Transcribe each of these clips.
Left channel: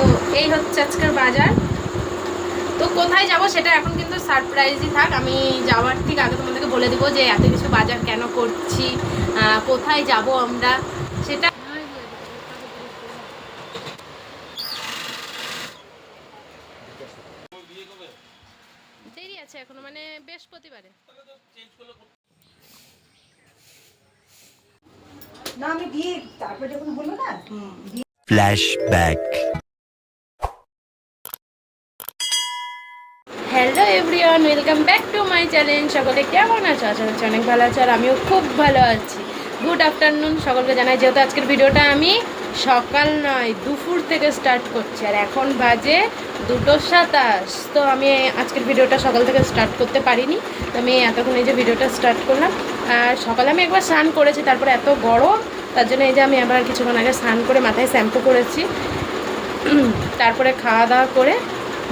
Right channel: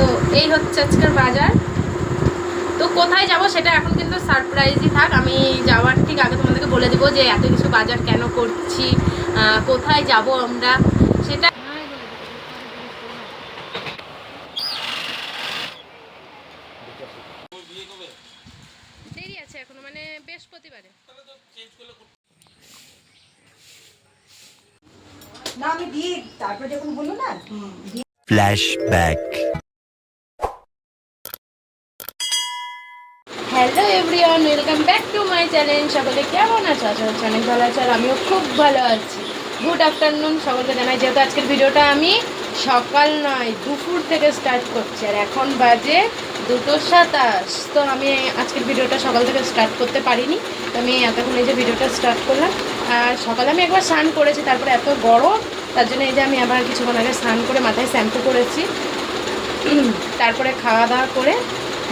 তো এই হচ্ছে আজকের বাজার। তো কোথায় যাব সেটা এখন কিন্তু সারপ্রাইজই থাক। আমি যাওয়ার ঠিক আগে তোমাদেরকে বলে দিব যে এত কিছু বাজার কেন করছি কোথায় যাব আমরা সেটা দেরি আছে এখনও মানে বৃহস্পতিবারে। না আমি দিয়ে তারপরে যখন হলো না দিয়ে everyone welcome back to my channel সকলে কেমন আছো? আশা করছি অনেক ভালো আছো আর আমিও খুব ভালো আছি। গুড আফটারনুন সকলকে জানাই, যেহেতু আজকের ভিডিওটা আমি সকাল নয়, দুপুর থেকে স্টার্ট করছি আর এখন বাজে দুটো সাতাশ। তো আমি আজকের ভিডিওটা সকাল থেকে স্টার্ট করতে পারিনি। তো আমি এতক্ষণ এই যে ভিডিওটা স্টার্ট করলাম। আর সকালে আমি একবার স্নান করেছি, তারপরে এত গরম, তার জন্য এই যে আমি আবার কিছুক্ষণ আগে স্নান করে মাথায় শ্যাম্পু করেছি। তারপরে খাওয়া দাওয়া করে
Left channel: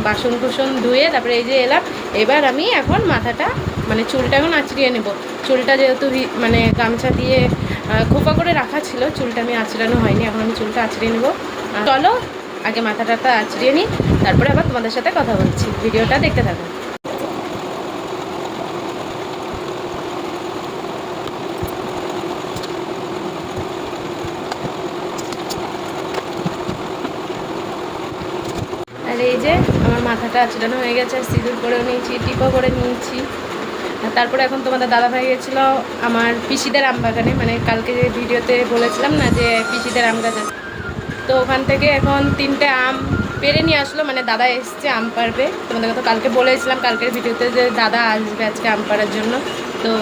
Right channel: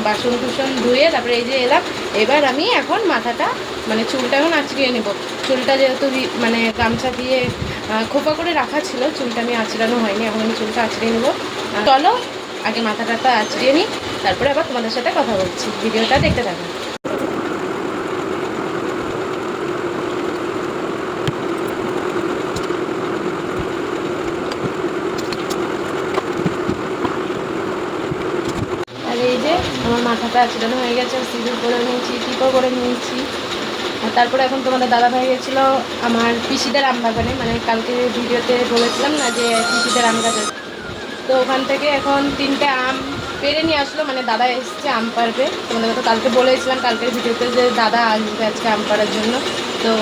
বাসন কুসন ধুয়ে তারপরে এই যে এলাম এবার আমি এখন মাথাটা মানে চুলটা এখন আঁচড়িয়ে নেব। চুলটা যেহেতু মানে গামছা দিয়ে খোপা করে রাখা ছিল, চুলটা আমি আঁচড়ানো হয়নি, এখন আমি চুলটা আঁচড়িয়ে নেব। চলো, আগে মাথাটা আঁচড়িয়ে নিই, তারপরে আবার তোমাদের সাথে কথা বলছি। ভিডিওটা দেখতে থাকো আর এই যে আমার মাথাটা আচড়ানো হয়ে গেছে সিঁদুর করে নিয়েছি টিপও করে নিয়েছি। আর তারপরে এখন তোমাদের দাদা ভাই গেছিল আমার পিসিদের আম বাগানে মানে কালকে ভিডিওতে বলেছিলাম না যে পিসিদের আম গাছ আছে। তো ওখান থেকে এখন তিনটে আম পেরে নিয়ে আসলো মানে দাদা এসছে আম পারবে। তোমাদের তো কালকে বলেছিলাম, কালকের ভিডিওতে যে দাদা আসবে আজকে আম পাড়ার জন্য। তো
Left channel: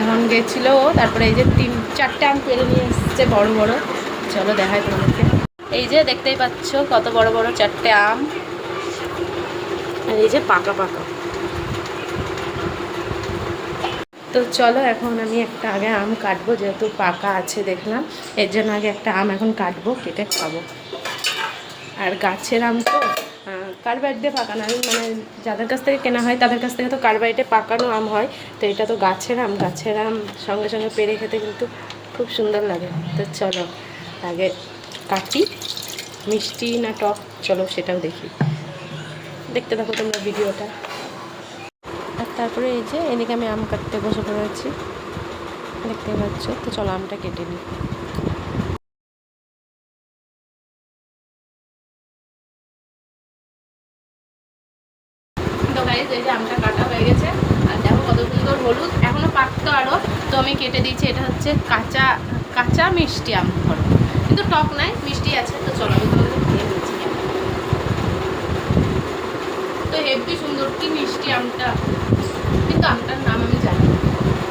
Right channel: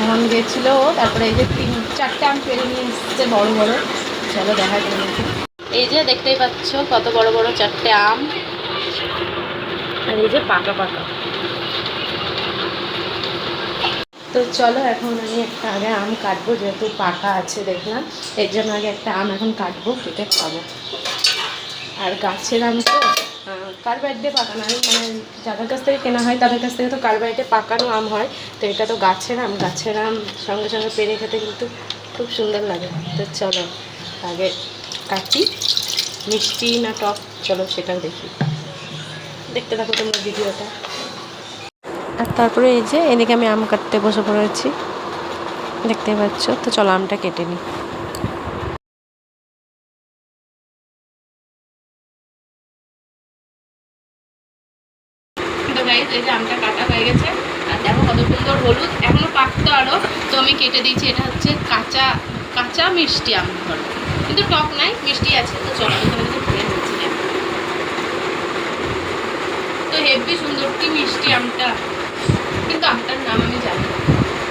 এখন গেছিল তারপরে এই যে তিন, চারটে আম পেরে নিয়ে এসছে বড় বড়। চলো দেখাই তোমাদেরকে। এই যে দেখতেই পাচ্ছ কত বড় বড় চারটে আম। আর এই যে পাকা পাকা। তো চলো এখন আমি একটা আগে আম কাটবো, যেহেতু পাকা আছে দেখলাম, এর জন্য আগে একটা আম এখন কাটবো, কেটে খাব। আর গাছের আম তো কার্বাইট দিয়ে পাকানো আমি মানে যাদের কাছ থেকে কেনা হয় তাদের কাছ থেকে তো কার্বাইটে পাকানো আম হয়, তো এটা তো গাছের আম গাছের আম সঙ্গে সঙ্গে পেরে খেতে কিন্তু খুব সুন্দর লাগে। তো চলো, আগে কাটি, মিষ্টি না টক, চলো সেটাও দেখি। দেখতে থাকো তোমরা ভিডিওটা। আর তারপরে এই যে এদিকে আমি আম কাটতে বসে পড়েছি। দেখতে পাচ্ছ? তো চলো আমটা কেটে নিই। গাইজ এই যে আমটা কাটা হয়ে গেছে। আর দেখো কত সুন্দর হলুদ। এখনও পাকতো আরও। তো আমি কেটে দিয়েছি এটা হচ্ছে কাঁচা কাঁচা মিষ্টি আম কিন্তু টক নাই মিষ্টি আছে। তো চলো আমি তোমাদের তো হেভি সুন্দর, কি মিষ্টি আমটা। কিন্তু আমটার নাম আমি জানি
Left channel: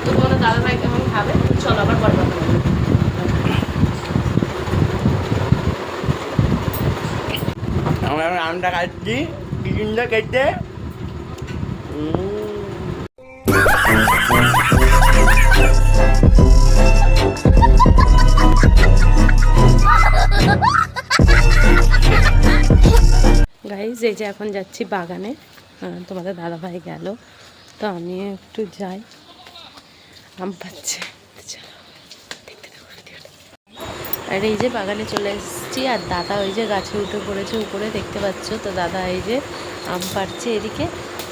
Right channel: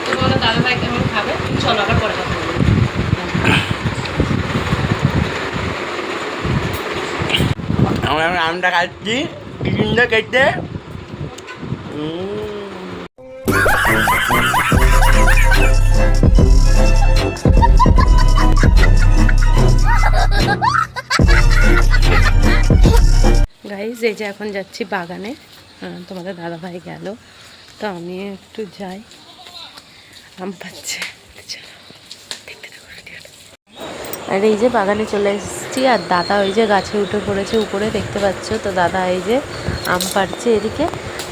তো তোমাদের দাদা ভাই কেমন খাবে? চলো, আবার পরে কথা আমরা আমটা কাটছি কেটে এই যে এখন যাচ্ছি বাগানে। তোমাদের দাদা ভাই গেল। তো আমি একটু যাই। আম পাচ্ছে। আর এই যে বাগানে চলে এসেছি, আর দাদা ওই যে গাছে উঠে পড়েছে উপরে, দেখতে পাচ্ছ? তো দাদা এই যে আম পাড়ছে এদিকে।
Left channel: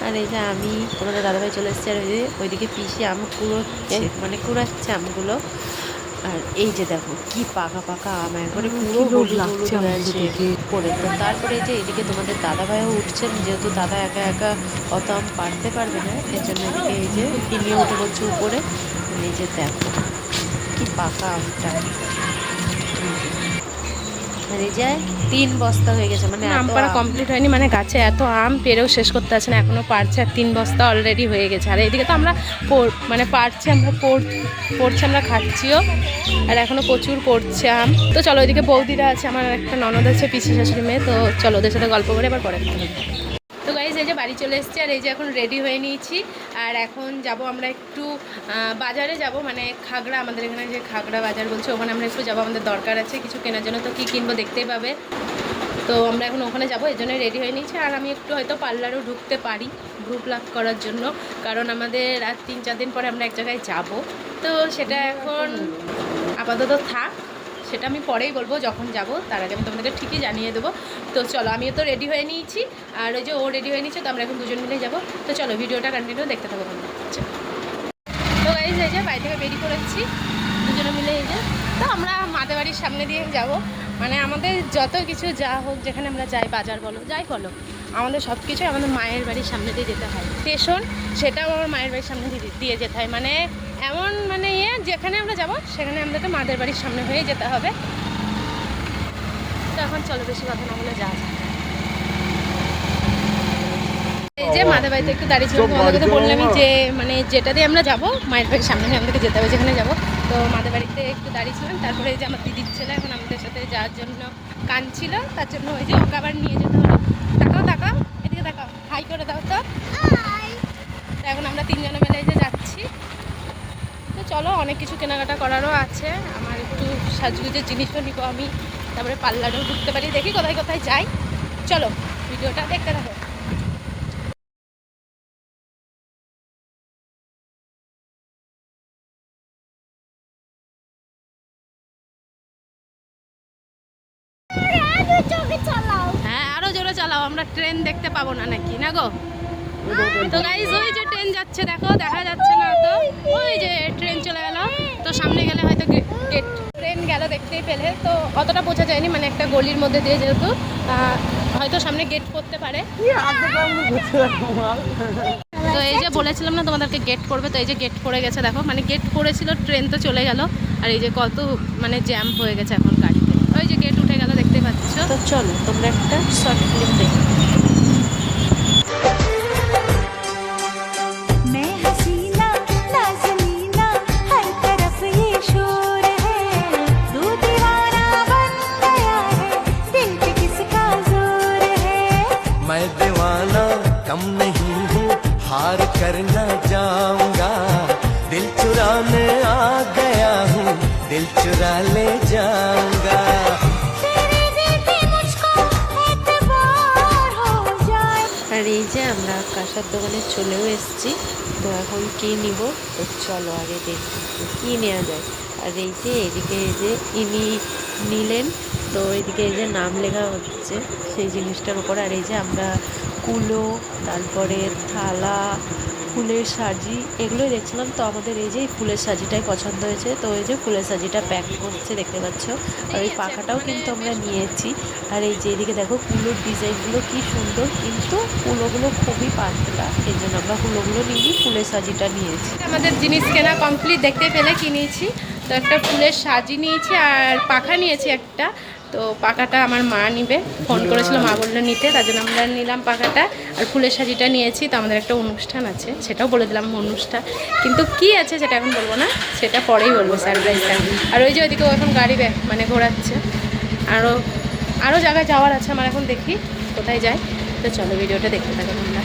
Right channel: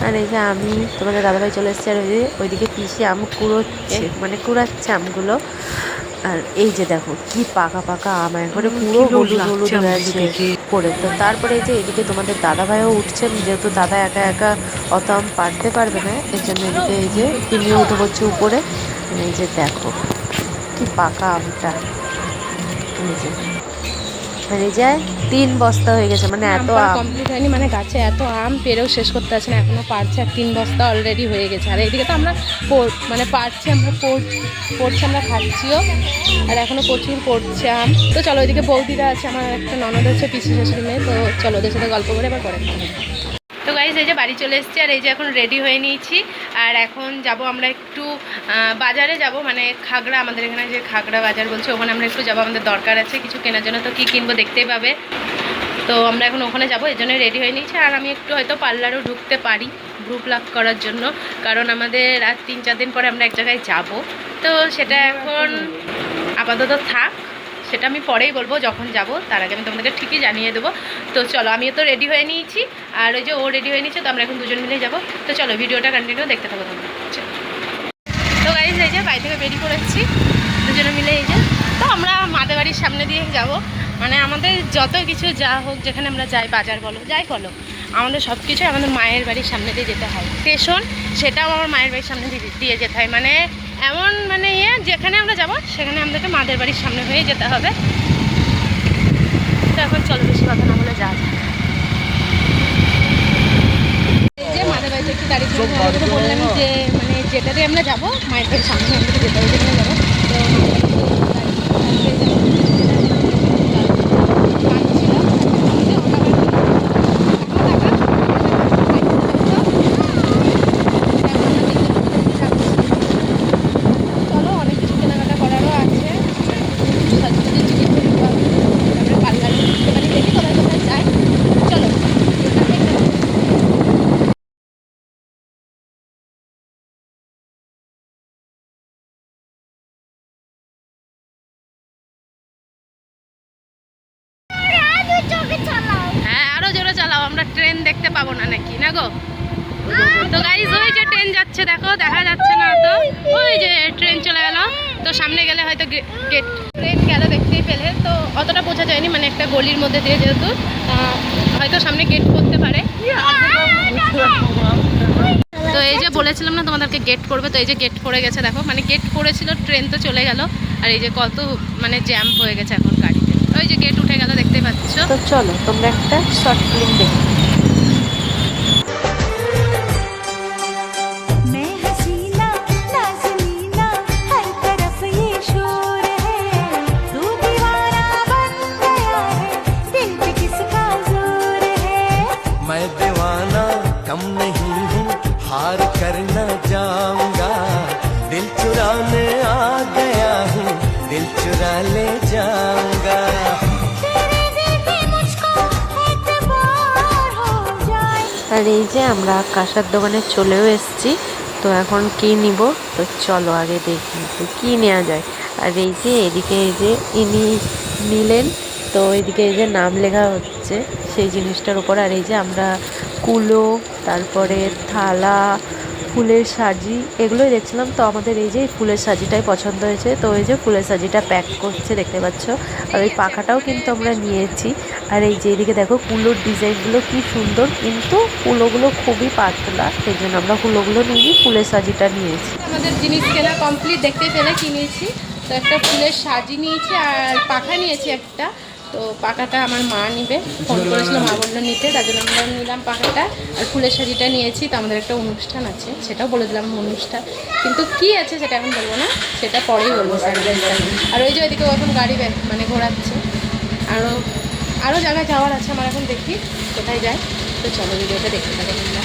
আর এই যে আমি, তোমাদের দাদাভাই চলে এসেছে, আর এই যে ওইদিকে পিসি আম কুড়োচ্ছে মানে কুড়াচ্ছে আমগুলো। আর এই যে দেখো কি পাকা পাকা আম একবারে পুরো হলুদ পড়ে। তো তারপরে এই যে এদিকে তোমাদের দাদা ভাইও উঠছেন যেহেতু দাদা একা একা অত আম পারতে পারবে না এর জন্য এদিকে এই যে তিনিও উঠে পড়ছে উপরে। এই যে দেখো কি পাকা আমটা। এই যে আর এই যে তিন বস্তা হয়ে গেছে মানে এত কমপ্লিট হয়নি মানে গাছে এত আম পেরেও শেষ করতে আছে না এখনও পারছে আর তিন বস্তা অলরেডি হয়ে গেছে। আর এইদিকে তো আমরা পড়- মানে পারছি আমরা পড়ছে আমরা খাচ্ছিও আর এখনও প্রচুর পড়ছে আম। তো চলো ওইদিকে বৌদিরা আছে আমার একটা ননদ আছে পিসি শাশুড়ি মেয়ে তো চলো ওদের সাথে গল্প করে এবার পরে গাইজ এই যে বাড়ি চলে এসেছি আর এই যে এখন রেডি হয়ে নিয়েছি। আর এখন যাব আমরা একটু বাজারে যাব। মানে খাগড়া, আমাদের এখানে যে খাগড়া বাজার বলছে, ওখানে আমরা একটু যাব। আমাদের দরকার আছে কিছু কেনার জন্য। তো কী কিনবো দেখতেই পাবে। তো আমরা এখন ওখানে যাব। এই জন্য রেডি হয়ে নিয়েছি। আর আমি একটু হয়তো পার্লারও ঢুকতে পারি গ্রুপ প্লাক করার জন্য। কারণ আমাদের আর তিন, চার দিন পরে আমরা এক জায়গায় যাব। তো সেটা এখন আপাতত থাক। সেটা আমি পরেই বলব, যখন যাব, তার আগে আমি তোমাদেরকে ঠিকই জানিয়ে দেবো। তো চলো, আমিও তো রেডি হয়ে নিয়েছি, আর ওই যে ও রেডি হয়ে নিয়েছে, তো আমরা এখন দুজন মিলে যাব। তো চলো, ভিডিওটা কন্টিনিউ দেখতে থাকো তোমরা। তো গাইজ এই যে বাড়ি থেকে বেরিয়ে পড়েছি, দুজনে মিলে এই যে। তো আমরা মাদের বাড়ির সামনে দিয়ে যাব। মানে আমাদের যত কিছু যা হোক, যেখানে আমরা যাই, বাজার বলো, যাই বলো, আমাদের সব কিছু আমাদের মায়ের বাড়ির সামনে দিয়ে যেতে হয়। স্টেশন সেটাও আমার মায়ের বাড়ির সামনে দিয়ে যেতে হয়। মানে এমন মানে ইয়ে যেখানে আমরা যাব, সেখানে আমাদেরকে মাদের বাড়ির সামনে হয়ে যেতে হবে। তো এখন চলো বেশি কথা না বলে যাওয়া যাক। এই যে মাদের বাড়িতে একটু বললামই যে মানে যেটা দিয়ে আমরা যাব, মায়ের বাড়ির সামনে আমাদেরকে যেতে হবে, যেখানে যাব। তো মাদের বাড়িতে একটু দাঁড়িয়ে ছিল তারপরে এই যে আমার দিদি ছিল এখন আমাদের সামনে যাওয়ার জন্য কাঁদছিল তার জন্য ওই যে ওকে আবার নিয়ে টাকা টাকা হাই করে দাও তো এখন আমরা তিনজনে মিলে এই যে যাচ্ছি চলো অনেক কিছু কেনাকাটা করারও আছে মানে সাজগুজের জিনিসও নিবো আমি তারপরে পার্লারেও ঢুকতে পারি। দেখি কোথায় কোথায় যাই। চলো হ্যাঁ আরও জোরে চালাও। আমরা ট্রেন দেখতে পাবো না নাকি, না গো? তো গাইজ ওই যে ট্রেন যাচ্ছে, দেখো, দেখা যাচ্ছে না তো। ওই যে ট্রেন চলে গেল। তো সামনে গেলে হয়তো গেট ট্রেন গেল দেখতেই পেলে তো অতটা বোঝা যায়নি মানে একটা গলির মধ্যে দিয়ে যেহেতু হয়তো সামনে গেট করতে পারে। তো এই যে বলেছিলাম না তোমাদেরকে গেট করবে তো এই যে গেট করে গেছে দেখো মানে গেট করেছিল ট্রেন তো চলে গেল আর এই যে কত মানে জ্যাম হয়ে গেছে এখন গাড়িতে। ওই যে গেট উঠে গেল দেখতে পাচ্ছ? তো চলো তোমরা একটা শর্ট ফিল্ম দেখো। कम नहीं हूँ हार कर न जाऊंगा दिल चुराने आ गया हूँ दिल चुरा ले जाऊंगा तेरे देखे मुझको एतबार हो जाए আর এই যে আমরা কাঁসার দোকানে চলেও এসেছি তো এখন কি নিব তো চলো আগে দেখি যে কি নেওয়া যায় আর এই যে এদিকে এই যে ইনি নিলেন তো এদিকে এই যে নাম লেখা হচ্ছে সেই জিনিসটার উপর আর এই যে আমরা কুলো, তারপরে থালা, ফুলের সাজি, এগুলোই দেখছিলাম। তো আমাদের এই যে ফুলের সাজিটাই পছন্দ হয়েছে। তো এই যে ফুলের সাজিটা প্যাক করছে, দেখতে পাচ্ছ। আর ওই পাখাটাও কিন্তু আমরা নিয়েছি। আর এই যে এদিকে দেখো কুলোর ডিজাইনগুলো কি সুন্দর। কিন্তু কুলোগুলো খুবই পাতলা। সেই জন্য আমরা কুলোগুলো নিয়ে ফুলের সাজিটা নিয়েছি। আমাদের জিনিস কেনা কমপ্লিট দেখতে পেলে কিনেছি। তো একটা ফুলের সাজি নিয়েছি আর পাখা নিয়েছি একটা। তো পাখাটা আমার মা নিবে। ফোন করেছিল, মা বলল নিতে, তার জন্য আমরা নিলাম পাখাটা। আর ফুলের শাড়িটা নিয়েছি, তো আমাদের একটা অনুষ্ঠান আছে, সেটাও বলে দিলাম অনুষ্ঠান। কিন্তু কি আছে সেটা এখন বলব না, সেটা পরেই বলব সারপ্রাইজটা আর ওই যে ওইদিকে এখন গাড়ি মানে ঘোরাচ্ছে। আরও আরও জায়গায় যাওয়ার আছে আমার এখন দেখি, কোথায় যাই তো চলো, ভিডিওটা দেখতে থাকো তোমরা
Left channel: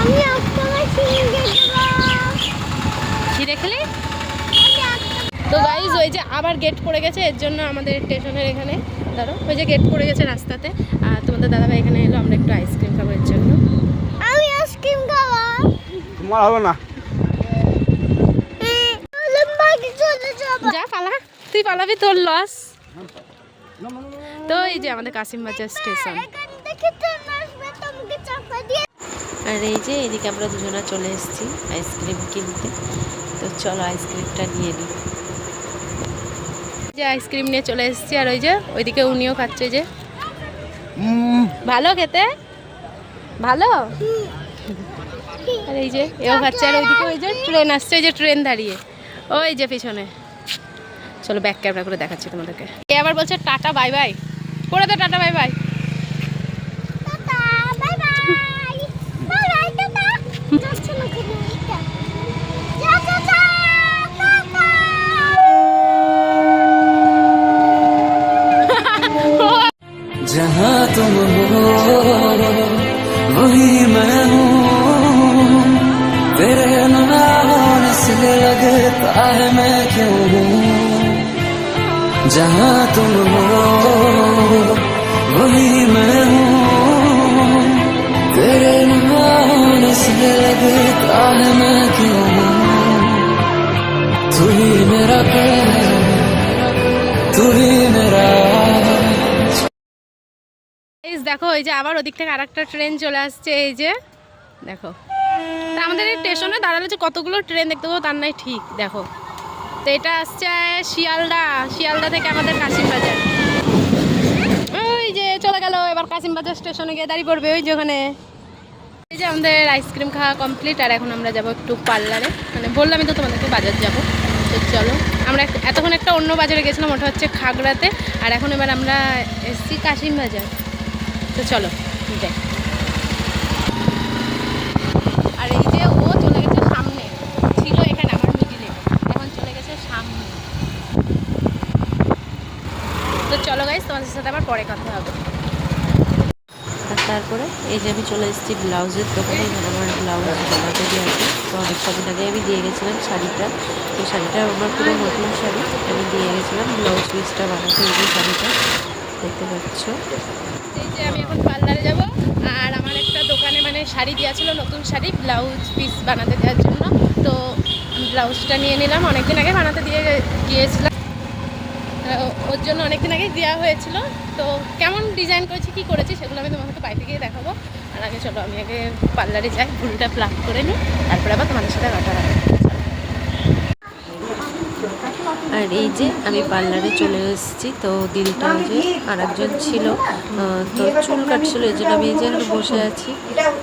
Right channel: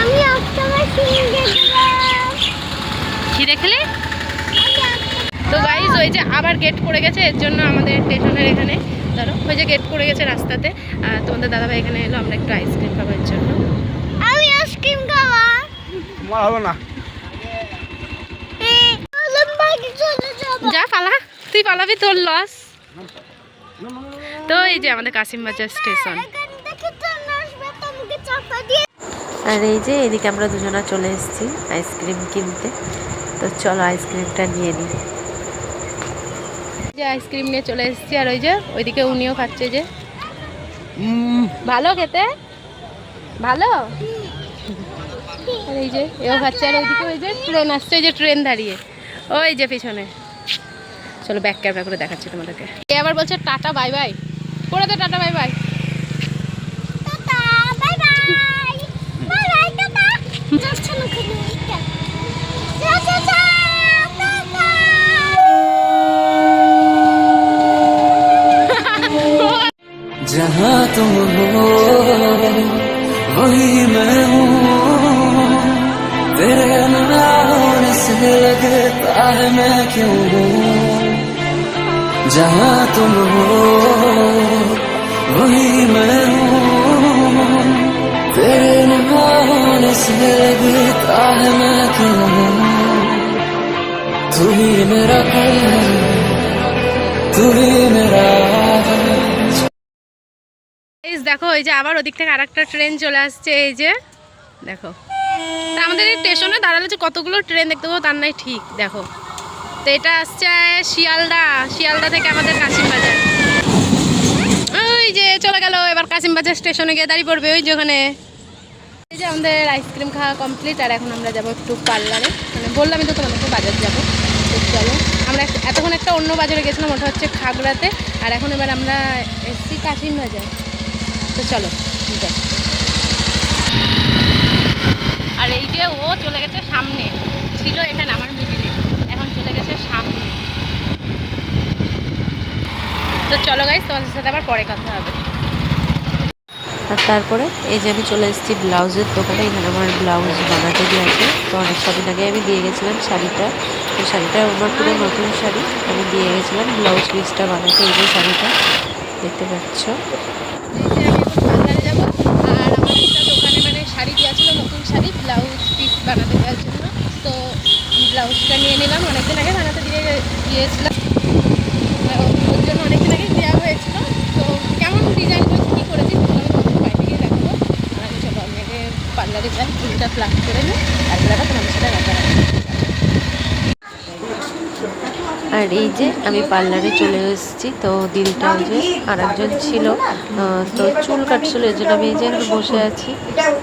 আমি একটা সিঙ্গে দেখলি? তো গাইজ ওই যে আবার গেট করে গেছে এর জন্য আমাদের স্টেশনের এখানে ধরো ওই যে গেট করে গেছে রাস্তাতে। আর তোমাদের দাদাভাই এখানে এলো আমরা একটু আইসক্রিম খাব এর জন্য। আমি আইসক্রিম হবে না। যা পালা তুই পালাবি তোর লস তো এই যে আমাদের কাসিম বাজার স্টেশন আর এই যে এদিকে আমরা দুজনা চলে এসেছি আইসক্রিম কিনতে। তো চলো আইসক্রিমটা নিয়ে নিই। যে আইসক্রিম নিয়ে চলে এসেছি, আর ওই যে ওইদিকে উনিও খাচ্ছে যে। ভালো খেতে? ভালো? আর এই যে, এও খাচ্ছে, আর ওইদিকে ওই যে ট্রেন আসছে, ওই যে ট্রেন দাঁড়িয়ে। ওই যে পিছনে। চলো ব্যাক ক্যামেরা করে দেখাচ্ছি তোমাদেরকে। এ আবার বলছে, টাটা, বাই বাই। করে দে, টাটা, বাই বাই। तुम हो, वही मैं हूँ। तेरे नाम से लगता है मैं क्यों हूँ? जहाँ तुम हो, वही मैं हूँ। तेरे न होने से लगता है मैं क्यों हूँ? तू ही मेरा कल तू ही मेरा দেখো, এই যে আবার ওদিক থেকে আরেকটা ট্রেন চলে আসছে, এই যে, দেখো। তা আমাদের এই স্টেশনে দাঁড়ালে যে কতগুলো ট্রেন দেখতে পাবো তার নাই ঠিক, দেখো। তো এটা আসছে শিয়ালদা শিয়ালদা থেকে আমাদের কাশিমবাজার ওই যে, চলে গেল, এবার কাশিমবাজার স্টেশনে গিয়ে দাঁড়িয়ে পড়বে, ওই যে ওখানে। এই যে আমাদের আইসক্রিম খাওয়া কমপ্লিট আর এখন আমরা যাব একটু পার্লারে মানে বললামই তো তোমাদেরকে বাজার যাব। তো চলো, আমরা এতক্ষণ একটা অন্য বাজারে গেছিলাম, ওটা হচ্ছে খাগড়াতে। আর এখন এবার আমরা এসছি কাশিম বাজার। তো চলো দেখ। আর এই যে ও চলে গেছে সামনে ছিল এখানে আমার মিডিলে এখন চলে গেছে সামনে। তো চলো গাইস তোমাদের সাথে আবার পরে কথা হবে। আর তারপরে এই যে আমি চলে এসেছি ব্লাউজের দোকানে এখানে আমার ব্লাউজ বানাতে দিয়ে আছে তো অনেক কদিন আগে আমি দিয়ে গেছিলাম শাড়িটা। তো শাড়িটা আমার পুরো নতুন শাড়ি আমি দিয়ে গেছিলাম ব্লাউজ পিসটা বানাতে এই যে শাড়িটা। দেখতে পাচ্ছ এই যে আমি এখন পার্লারে যাব আর আমার একটা দোকানে মানে শাড়ি দেওয়া ছিল নতুন শাড়ি ব্লাউজ পিস বানাতে দেওয়ার জন্য। তো ব্লাউজটা নিয়ে নিলাম, অনেকদিন আগে বানাতে দিয়ে দিয়েছিলাম। ওর জন্য অনেকদিন আগে দেওয়া হয়েছিল। তো কেমন ডিজাইন করেছি, কী করেছি সেগুলো আমি তোমাকে বাইরে গিয়ে দেখাবো। আর আগে চলো, আমি আগে পার্লারে যাই, ফুলটা প্লাক করে নিই, তারপরে আবার তোমাদের সাথে রাখা রাখব আর এই যে আমি পার্লারে চলে এসেছি, তো দিদিটা ওই যে আর একজন ছিল তো চুল কাটছিল, এই জন্য আমি এই যে বসে আছি।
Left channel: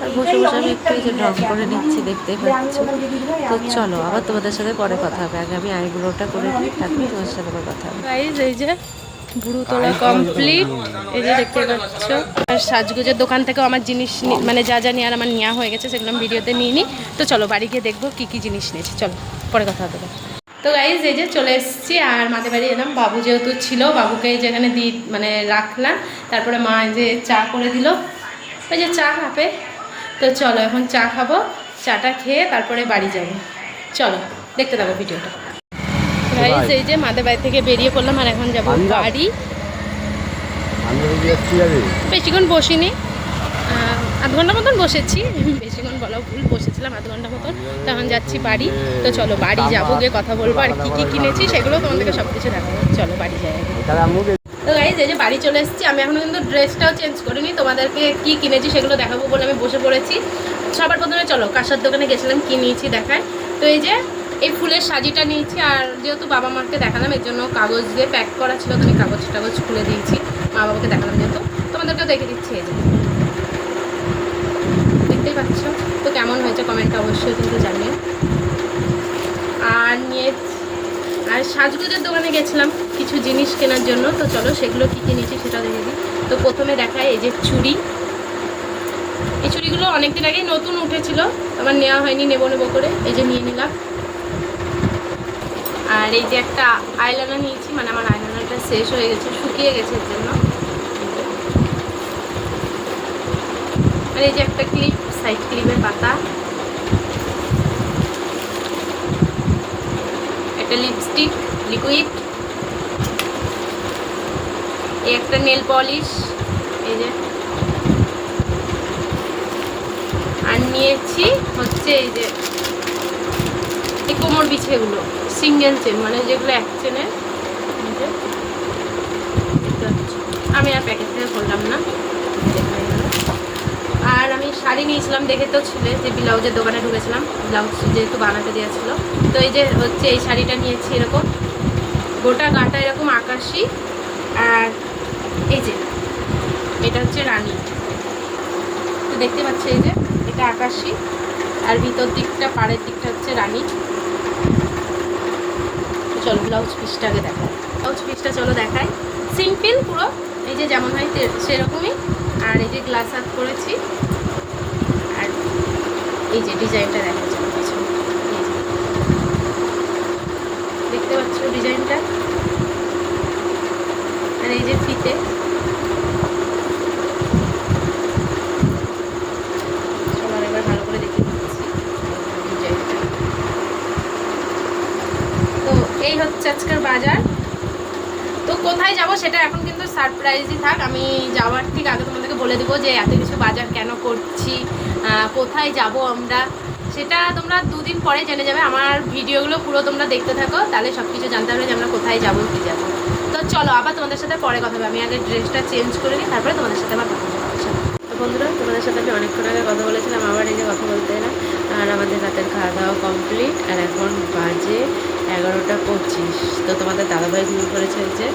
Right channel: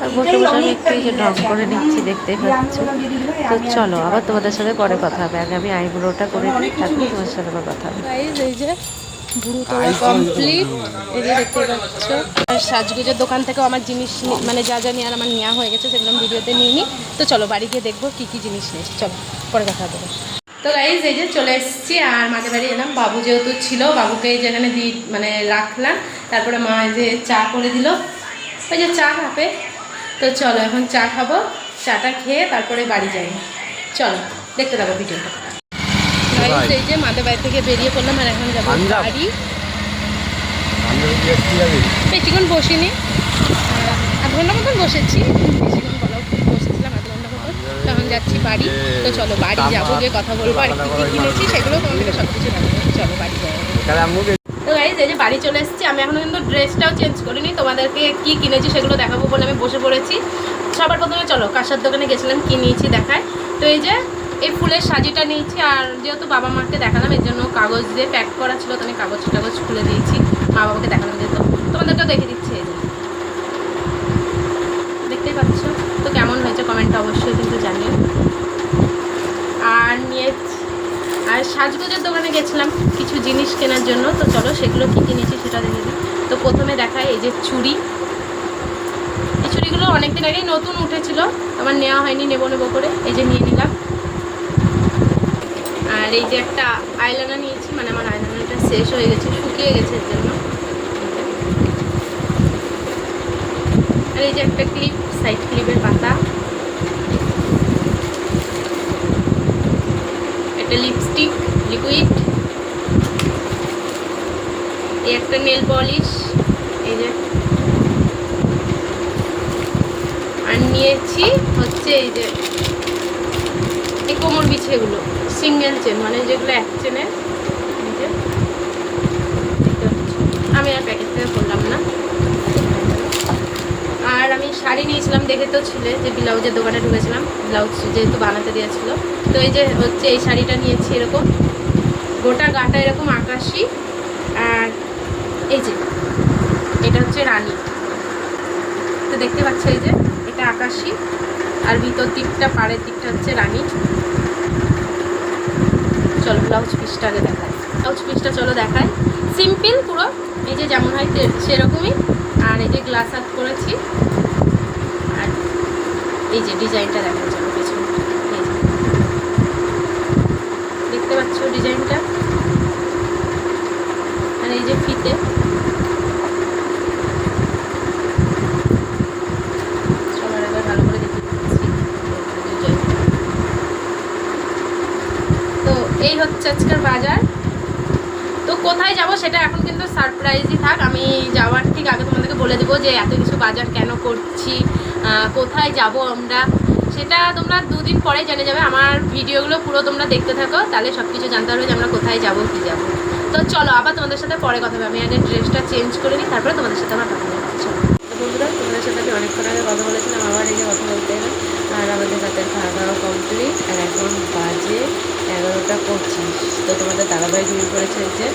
আর বসে বসে আমি একটু এই যে ঢং করে নিচ্ছি, দেখতে পাচ্ছ। তো চলো, আবার তোমাদের সাথে পরে কথা হবে। আগে আমি আইব্রোটা করে নিই, তারপরে তোমাদের সাথে আবার কথা হবে। এই যে বুড়ো তোলা কমপ্লিট এই যে দেখতে পাচ্ছ। আর সাজগুজের দোকান থেকেও আমার জিনিস মানে যা যা নেওয়ার আমার নেওয়া হয়ে গেছে, সেগুলো আমি ভিডিওতে নিয়ে নিই তো চলো, বাড়ি গিয়ে দেখব কী কী জিনিস নিয়েছি। চলো, পরে কথা হবে। তো গাইজ এই যে চলে এসেছি আর মাঝে বাড়ি এলাম। বাবু যেহেতু ছিল বাবুকে যেখানে দি মানে রাখলাম। তারপরে মা যে চা করে দিল। ওই যে চা খাবে তো চলো এখন চা খাব চাটা খেয়ে তারপরে বাড়ি যাই। চলো দেখতে থাকো ভিডিওটা। গাইজ এই যে মাদের বাড়ি থেকে বেরিয়ে পড়লাম আর এখন যাব বাড়ি। বেশিক্ষণ বসিনি। আধ ঘণ্টা মতন বসেছি। বেশিক্ষণ বলা ভুল বসেছিলাম আধ ঘণ্টা মতন। তখন যাচ্ছি বাড়ি। তো চলো বাড়ি যাব গিয়ে কথা বলব আর কী কী কিনেছি সেগুলো তোমাদেরকে সব কিছু দেখাবো। চলো বাড়ি যাই। তো গাইজ এই যে বাড়ি চলে এসেছি আমি এখনও কিন্তু ড্রেসটাও চেঞ্জ করিনি। তোমাদেরকে কি কিনেছি সেগুলো দেখাবো বলে আমি বসে পড়েছি। সবার প্রথমে চলো কাঁসার দোকানে গেছিলাম কি নিয়েছি দেখায়। তো এই যে এই ফুলের সাজিটা নিয়েছি আর যেহেতু বাবা মাকে দেখালাম এর জন্য কাগজ দিয়ে প্যাক করা ছিল তো আমি কাগজ টাগজ খুলে দিয়েছি। মা বাবাকে দেখালাম যেহেতু। তোমাদেরকেও দেখে দিচ্ছি এই যে। দেখতেই পাচ্ছ? তো কেমন হয়েছে কমেন্টটা অবশ্যই কিন্তু জানিও। আর নিয়ে আর সাজগোজের দোকানে গেছিলাম কিছু জিনিস কেনার জন্য। তো চলো সেগুলো কী কী নিয়েছি সেটা দেখে দিই। তো প্রথমে দেখায় এই যে চুড়ি। এই চুড়িগুলো অনেকদিন আগেই নতুন উঠেছিল আমার নেওয়া হয়নি, নেব নেব করে। এই যে নিয়ে নিলাম। আর এই যে একটা আইলাইনার নিয়েছি মানে আমার আইলাইনারটা শেষ হয়ে গেছে, শুকিয়ে গেছে এর জন্য। আর এই যে একটা ক্লিপ সাইড ক্লিপের পাতা একটা লিপস্টিক লিকুইড এই একটা নেল পলিশ এই যে আর নিয়েছি হচ্ছে এই যে এই কোমর বিছেগুলো সিঙ্গেল চেন মানে যেগুলো এক চেনের। আমি আর প্যাকেট থেকে করলাম না। আর আমি শাড়ি নিয়েছিলাম দেখে তো ছিলে যে ব্লাউজের দোকানে ঢুকেছিলাম, ব্লাউজ যেহেতু বানাতে দিয়েছিল। তো এই যে হচ্ছে এই শাড়িটা নিয়েছি এরকম। গোটা গাটা এরকম আকাশি। আর এই যে, এটা হচ্ছে রানী। তো দেখতে পাচ্ছ এই যে, এটা আকাশি। আর ভিতর দিকটা, পাড়ের দিকটা হচ্ছে রানী। চল ব্লাউজ পিসটা আগে দেখায় ব্লাউজ পিসটা চলো দেখায় সিম্পল পুরো, এই যে যেমন হয় সেরকমই। আর এই যে গ্লাস আপ করেছি। আর এই যে ডিজাইনটা দেখা চলো পেছনে। দেখতে পাচ্ছ ডিজাইনটা আর এই যে ফিতে। এই হচ্ছে আজকের বাজার। তো কোথায় যাব সেটা এখন সারপ্রাইজই থাক, আমি যাওয়ার ঠিক আগে তোমাদেরকে বলে দেবো যে এত কিছু বাজার কেন করছি কোথায় যাব আমরা। সেটা তোমরা দুদিন পরে জেনে যাবে। আমার ভিডিওগুলো পুরো তোমরা দেখতে থাকো, তাহলে সব কিছু জানতে পারবে যে আমরা কোথায় যাব, কী যাব। তো চলো, আবার তোমাদের সাথে পরে কথা হবে। আমি আগে ড্রেসটা চেঞ্জ করে নিই, তারপরে তোমাদের সাথে আবার কথা চলো। তো বন্ধুরা, তোমাদের সাথে আমি অনেকক্ষণ আগে কথা বলেছিলাম, আবার এই যে কথা বলতে এলাম। আর আমাদের রাতের খাওয়া দাওয়া কমপ্লিট আর এখন বাজে এগারোটা পঁচিশ। তো তোমাদের দাদাভাই ঘুমিয়ে পড়েছে যে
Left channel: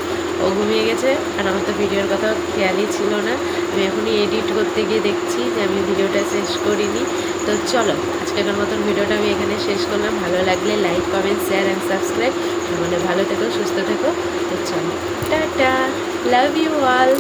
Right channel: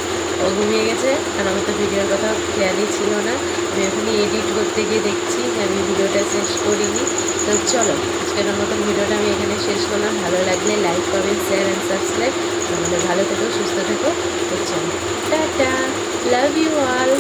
ও ঘুমিয়ে গেছে। আর আমার তো ভিডিওর কথা খেয়ালই ছিল না। আমি এখনই এডিট করতে গিয়ে দেখছি যে আমি ভিডিওটা শেষ করিনি। তো চলো, আজকের মতন ভিডিওটা আমি এখানে শেষ করলাম। ভালো লাগলে like comment share and subscribe তোমাদের ভালো থেকো, সুস্থ থেকো। চলো, টাটা। Love you all